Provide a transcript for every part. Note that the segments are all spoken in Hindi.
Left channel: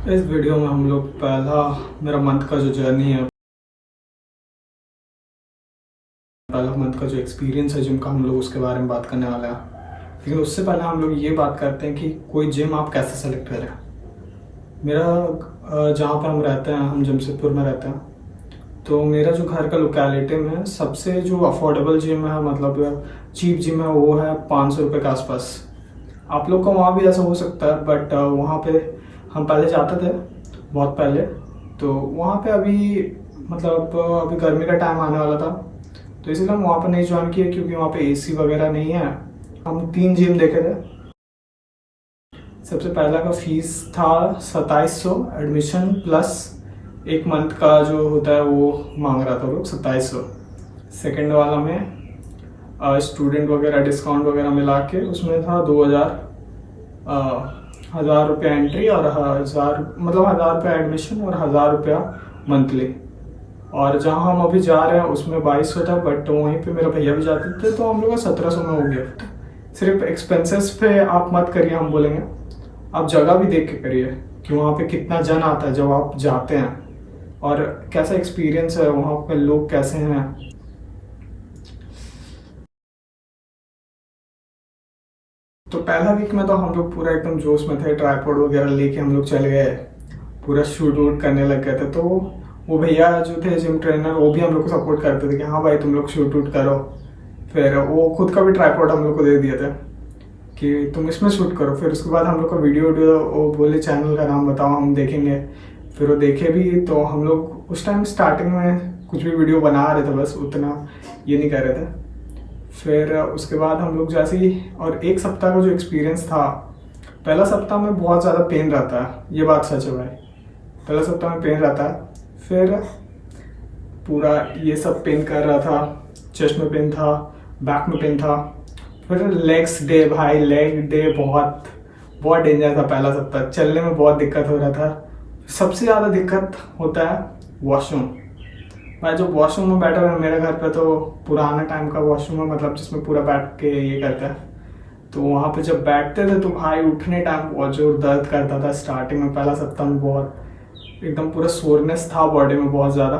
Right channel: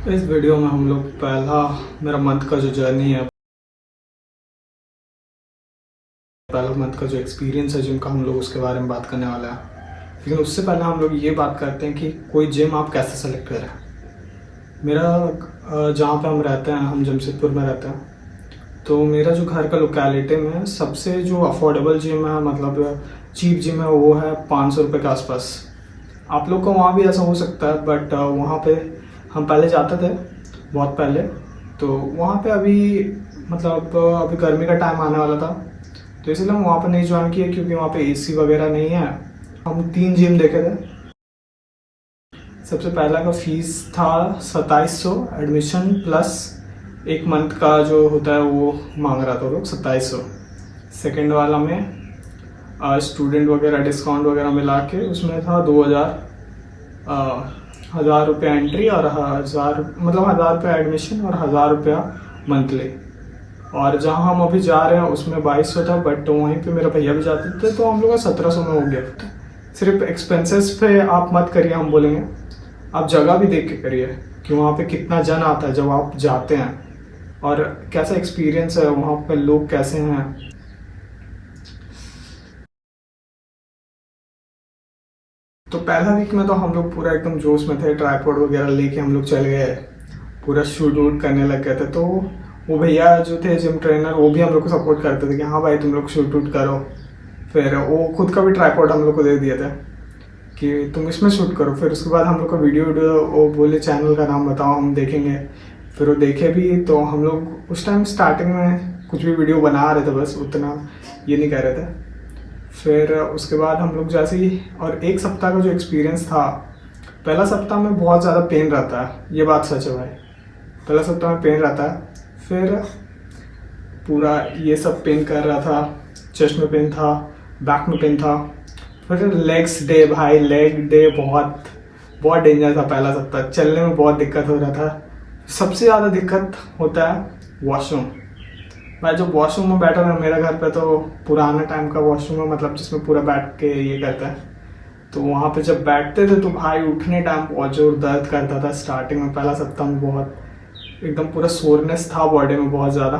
इस वीडियो में हम लोग पहला मेरा मंथ का जो जर्नी है, पहला मंथ का जो एक्सपीरियंस है जिम का, हम लोग उसके बारे में बात करने वाले हैं। लेकिन उससे पहले हम लोग ये बात करते हैं कि कोई जिम आप कैसे सेलेक्ट करें। मेरा जहाँ पे हम रहते हैं, हम जमशेदपुर में रहते हैं, तो मेरा जो घर का लोकेलिटी में सबसे जो अफोर्डेबल जिम है, मतलब चीप जिम है, वो है 500 रुपये के आसपास। आप लोग का वहाँ भी ऐसा हो सकता है, बट वहाँ पे हम पहले जाते थे, बहुत पहले। तो वहाँ पे अभी मतलब अभी गर्मी का टाइम आने वाला था, तो इसलिए हम वहाँ पे नहीं ज्वाइन किए, क्योंकि वहाँ पे एसी वगैरह नहीं है। हम 3 जिम देखे थे। सबसे पहला का फीस था 2700 एडमिशन प्लस 1 मंथ का जो होता है वो मांग रहा था लोग 2700। सेकेंड वाला में स्टूडेंट वगैरह डिस्काउंट वगैरह मिला के उसमें था 2000, 1000 रुपया एंट्री और 1000, मतलब 1000 रुपया एडमिशन और 1000 रुपया मंथली। और जहाँ हम अभी जा रहे हैं उसमें 2200 था, बट वहीं पे मेरा भैया भी जाते थे, तो हम लोग का 1700 में हो गया। सिर्फ एक्सपेंसेस पे आप मत करिए, हम बोलेंगे आप जगह भी देख के करिए कि वहाँ पे कितना जन आता है जब आप जाते हैं, और कैसा एक्सपीरियंस है, वहाँ पे लोग कैसे हैं। तो पहला वीक में तो हम लोग पूरा एकदम जोश में थे, ट्राईपॉड वगैरह लेके हम लोग चल गए, पूरा शूट वूट करने लग गए थे। तो वो भैया जो थे जिम ट्रेनर, वो भी हम लोग को सपोर्ट करते थे कि हाँ भाई तुम लोग शूट वूट करो। फिर वो खुद का भी ट्राईपॉड हम लोग को दे दिए थे कि तुम इसमें शूट करो। फिर उसके बाद हम लोग का वीडियो वो बोले चैनल का नाम बताओ, हम देखेंगे। फिर वो देखे भी, तो हम लोग उस टाइम स्टार्टिंग में कुछ भी वीडियो बना रहे थे, बस उतना ये नहीं कर रहे थे। फिर उसके बाद हम लोग जैसे ही, और 1 सप्ताह का जो एक्सपीरियंस था, पहला सप्ताह में बहुत ज़्यादा पेन रहता है, ये बात सच है भाई। पहला सप्ताह में पेन रहता है, फिर पूरा ये सब पेन कर रहा था, चेस्ट में पेन था, बैक में पेन था। फिर लेग्स डे, भाई लेग डे बहुत बहुत डेंजर था। पहला सप्ताह चलने में बहुत दिक्कत हो रहा था। सबसे ज़्यादा दिक्कत होता है वॉशरूम। मैं जो वॉशरूम में बैठा था, मेरा घर पे तो पुराना टाइम का वॉशरूम है, मतलब जिसमें पूरा बैठ के ये करता है। तो वहाँ पे जब बैठते थे तो भाई उठने टाइम बहुत जोर दर्द करता था स्टार्टिंग में। पहला सप्ताह में बहुत एकदम पूरा सोरनेस था बॉडी में बहुत ज़्यादा।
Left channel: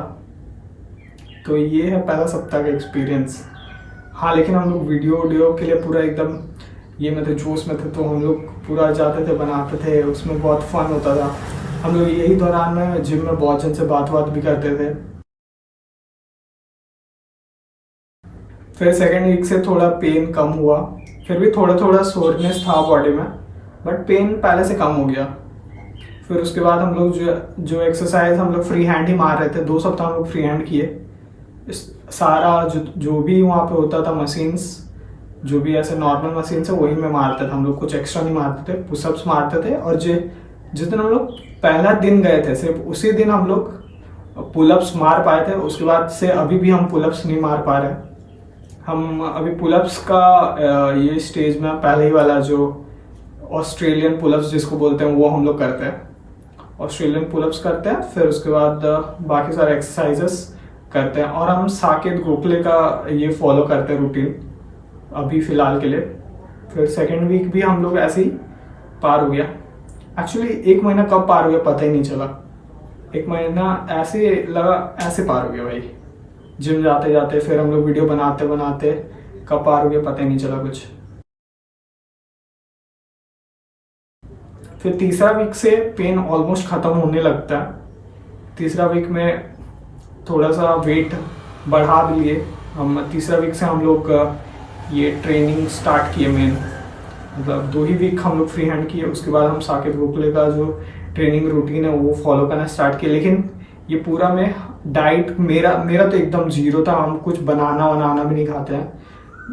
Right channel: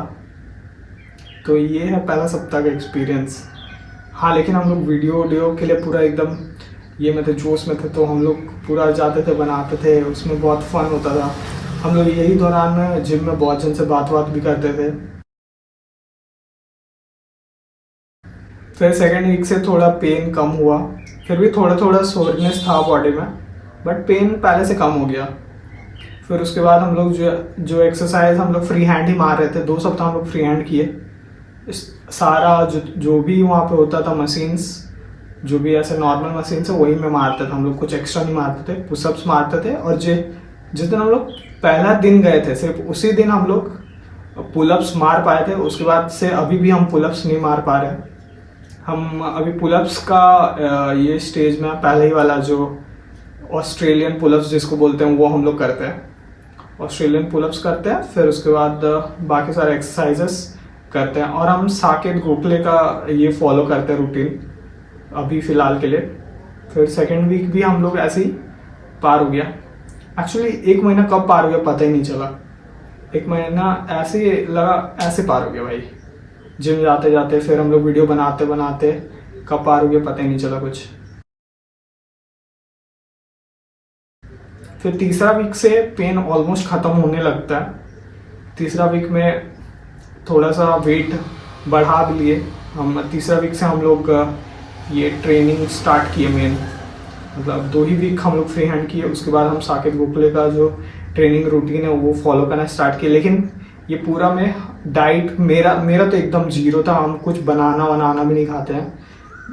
तो ये है पहला सप्ताह का एक्सपीरियंस। हाँ, लेकिन हम लोग वीडियो के लिए पूरा एकदम ये में थे, जोश में थे, तो हम लोग पूरा जाते थे, बनाते थे, उसमें बहुत फन होता था। हम लोग यही दौरान जिम में बहुत जन से बात भी करते थे। फिर सेकेंड वीक से थोड़ा पेन कम हुआ, फिर भी थोड़ा थोड़ा सोरनेस था बॉडी में, बट पेन पहले से कम हो गया। फिर उसके बाद हम लोग जो एक्सरसाइज हम लोग फ्री हैंड ही मार रहे थे। 2 सप्ताह हम लोग फ्री हैंड किए। सारा जो भी वहाँ पे होता था मशीन्स, जो भी ऐसे नॉर्मल मशीन्स है वही में मारते थे हम लोग, कुछ एक्स्ट्रा नहीं मारते थे। पुशअप्स मारते थे, और जिस दिन हम लोग पहला दिन गए थे, सिर्फ उसी दिन हम लोग पुलअप्स मार पाए थे। उसके बाद से अभी भी हम पुलअप्स नहीं मार पा रहे। हम अभी पुलअप्स का ये स्टेज में, पहले ही वाला जो ऑस्ट्रेलियन पुलअप्स जिसको बोलते हैं, वो हम लोग करते हैं। ऑस्ट्रेलियन पुलअप्स करते हैं, फिर उसके बाद बाकी सारे एक्सरसाइजेस करते हैं। और हम साकेत गोखले का ये फॉलो करते हैं रूटीन अभी फ़िलहाल के लिए। फिर सेकेंड वीक भी हम लोग ऐसे ही पार हो गया। एक्चुअली 1 महीना कब पार हो गया पता ही नहीं चला। 1 महीना ऐसे लगा, ऐसे पार हो गया भाई, जिम जाते जाते। फिर हम लोग वीडियो बनाते बनाते कब पार हो गया पता ही नहीं चला कुछ। फिर तीसरा वीक से पेन ऑलमोस्ट ख़त्म होने लगता है। तीसरा वीक में थोड़ा सा वेट बढ़ा भी लिए हम। तीसरा वीक से हम लोग ये ट्रेनिंग स्टार्ट किए मेन, मतलब 2 ही वीक हम लोग फ्री हैंड किए। उसके बाद हम साकेत गोखले का जो ट्रेनिंग रूटीन है वो फॉलो करना स्टार्ट किए। लेकिन ये पूरा में डाइट मेरा तो एकदम जीरो था। हम कुछ बनाना भी नहीं खाते हैं।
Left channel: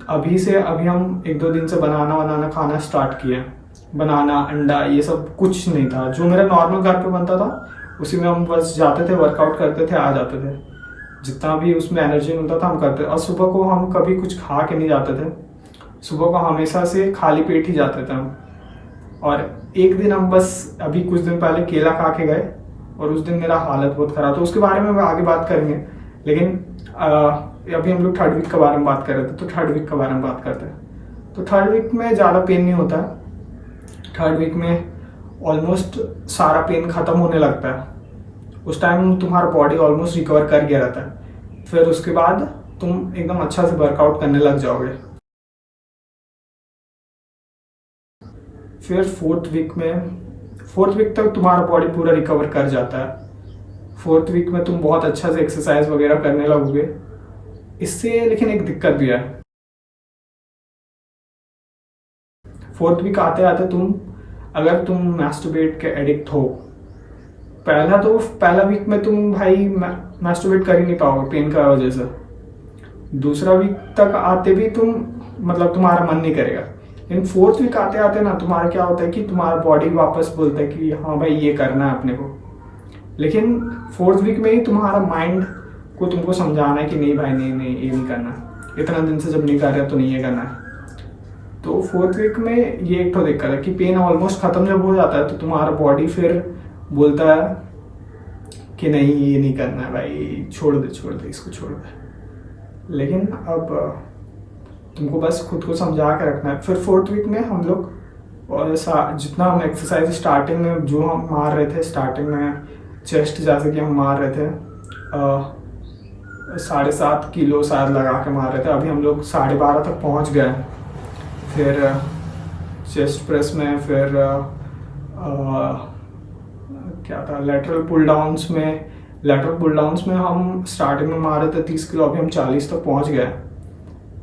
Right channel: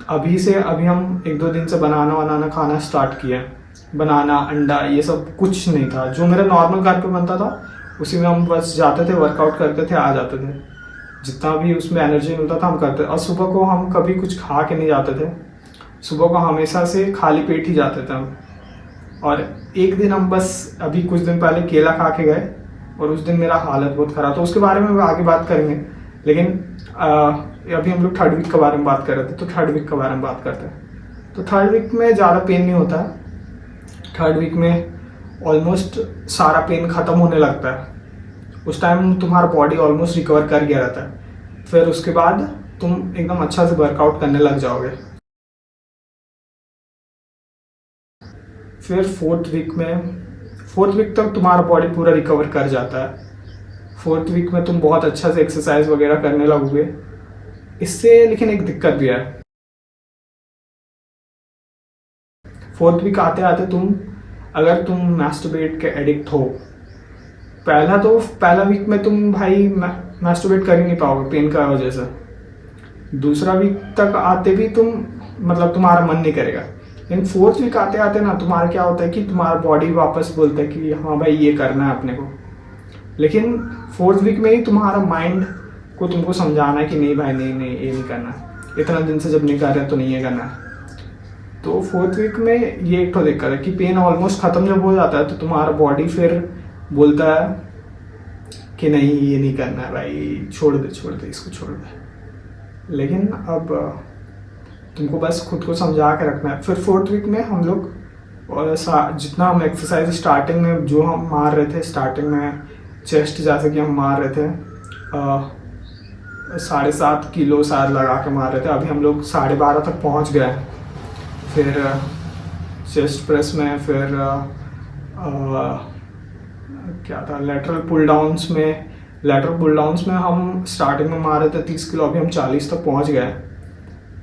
अभी हम 1-2 दिन से बनाना खाना स्टार्ट किए। बनाना, अंडा, ये सब कुछ नहीं था। जो मेरा नॉर्मल घर पे बनता था उसी में हम बस जाते थे, वर्कआउट करते थे, आ जाते थे। जितना भी उसमें एनर्जी मिलता था हम करते। और सुबह को हम कभी कुछ खा के नहीं जाते थे। सुबह को हमेशा से खाली पेट ही जाते थे हम। और एक दिन हम बस अभी कुछ दिन पहले केला खा के गए, और उस दिन मेरा हालत बहुत ख़राब। तो उसके बारे में आगे बात करेंगे, लेकिन अभी हम लोग 3rd वीक के बारे में बात कर रहे थे, तो 3rd वीक के बारे में बात करते हैं। तो 3rd वीक में ज़्यादा पेन नहीं होता है। 3rd वीक में ऑलमोस्ट सारा पेन ख़त्म होने लगता है। उस टाइम तुम्हारा बॉडी ऑलमोस्ट रिकवर कर गया रहता है। फिर उसके बाद तुम एकदम अच्छा से वर्कआउट करने लग जाओगे। फिर फोर्थ वीक तक तुम्हारा बॉडी पूरा रिकवर कर जाता है। फोर्थ वीक में तुम बहुत अच्छा से एक्सरसाइज वगैरह करने लगोगे। इससे लेकिन एक दिक्कत भी है। फोर्थ वीक आते आते अगर तुम मैस्टरबेट के एडिक्ट हो, पहला वीक में तुम भाई मैस्टरबेट कर ही नहीं पाओगे पेन का वजह से। दूसरा वीक तक आते भी तुम्हारा मन नहीं करेगा। लेकिन फोर्थ वीक आते आते ना तुम्हारा क्या होता है कि तुम्हारा बॉडी वापस बोलता है कि हाँ भाई ये करना है अपने को। लेकिन फोर्थ वीक में ही तुम्हारा माइंड को तुमको समझाना है कि नहीं भाई नहीं ये नहीं करना है, इतना दिन से जब नहीं कर रहे तो नहीं ये करना है। तो फोर्थ वीक में ये एक तो दिक्कत है कि पेन ऑलमोस्ट ख़त्म जब हो जाता है तो तुम्हारा बॉडी फिर बोलता है कि नहीं ये नहीं करना है भाई, छोड़ दे इसको छोड़ दे। लेकिन अब तुमको बस खुद को समझा के रखना है। फिर फोर्थ वीक में हम लोग जितना हम एक्सरसाइज स्टार्टिंग में जो हम मार रहे थे, स्टार्टिंग में चेस्ट जैसे कि हम मार रहे थे 7.5 किलो शायद लगा के मार रहे थे, अभी हम लोग 12.5 तक पहुंच गए हैं। फिर चेस्ट प्रेस में फिर क्या था लेटरल पुल डाउन्स में हम स्टार्टिंग में मार रहे थे 30 किलो, अभी हम 40 तक पहुंच गए।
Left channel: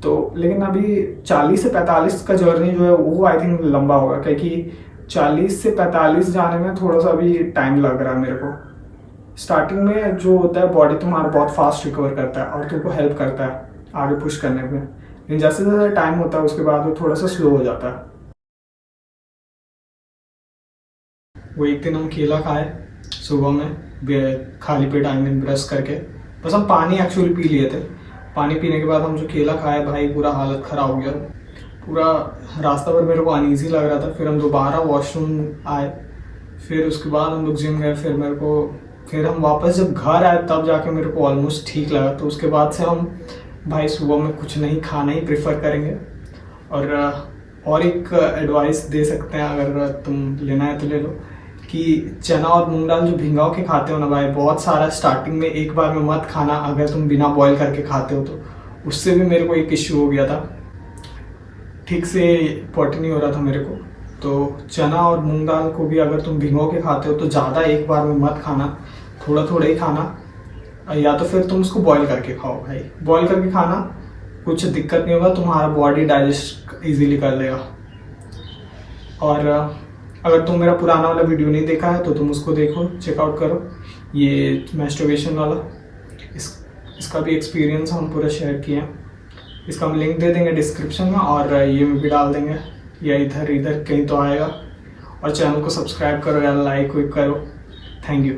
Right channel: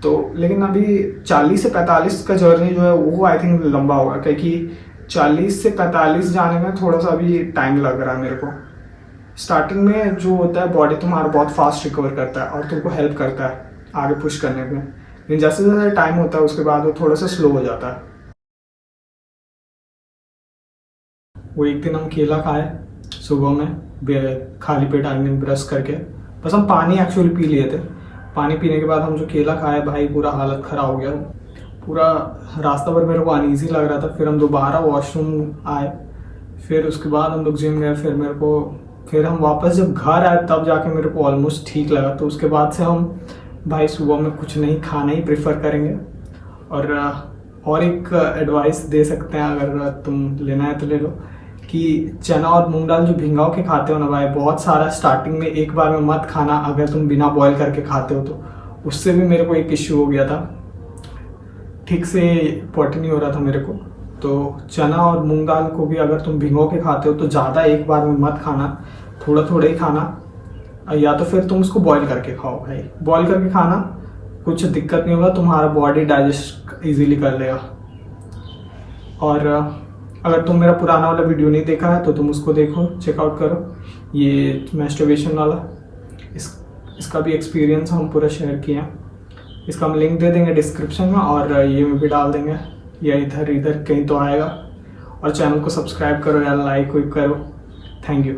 तो लेकिन अभी 40 से 45 का जर्नी जो है वो आई थिंक लंबा होगा, क्योंकि 40 से 45 जाने में थोड़ा सा अभी टाइम लग रहा है मेरे को। स्टार्टिंग में जो होता है बॉडी तुम्हारा बहुत फास्ट रिकवर करता है और तुमको हेल्प करता है आगे पुश करने में। लेकिन जैसे जैसे टाइम होता है उसके बाद वो थोड़ा सा स्लो हो जाता है। वो एक दिन हम केला खाए सुबह में खाली पेट, ब्रश करके, बस हम पानी एक्चुअली पी लिए थे। पानी पीने के बाद हम जो केला खाए भाई पूरा हालत ख़राब हो गया। पूरा रास्ता भर मेरे को अनईजी लग रहा था। फिर हम दोबारा वॉशरूम आए, फिर उसके बाद हम लोग जिम गए। फिर हम वापस जब घर आए तब जाके मेरे को ऑलमोस्ट ठीक लगा। तो उसके बाद से हम भाई सुबह में कुछ नहीं खाना ही प्रेफर करेंगे। और एक एडवाइस दे सकते हैं, अगर तुम लेना है तो ले लो, कि चना और मूंग दाल जो भिंगाओ के खाते हो ना भाई, बहुत सारा स्टार्टिंग में एक बार में मत खाना। अगर तुम बिना बॉईल करके खाते हो तो उससे भी मेरे को एक इश्यू हो गया था, ठीक से पॉटी नहीं हो रहा था मेरे को। तो चना और मूंग दाल को भी अगर तुम भिंगो के खाते हो तो ज़्यादा एक बार में मत खाना, थोड़ा थोड़ा ही खाना। या तो फिर तुम उसको बॉईल करके खाओ भाई। बॉईल करके खाना कुछ दिक्कत नहीं होगा, तुम्हारा बॉडी डाइजेस्ट इजीली कर लेगा। और अगर तुम मेरा पुराना वाला वीडियो नहीं देखा है तो तुम उसको देखो, चेकआउट करो, ये मैस्टरबेशन वाला। इसका भी एक्सपीरियंस हम पूरा शेयर किए हैं। इसका हम लिंक दे देंगे डिस्क्रिप्शन में, और ये भी डाल देंगे, या इधर कहीं तो आएगा। और चैनल को सब्सक्राइब करो या लाइक करो। Thank you.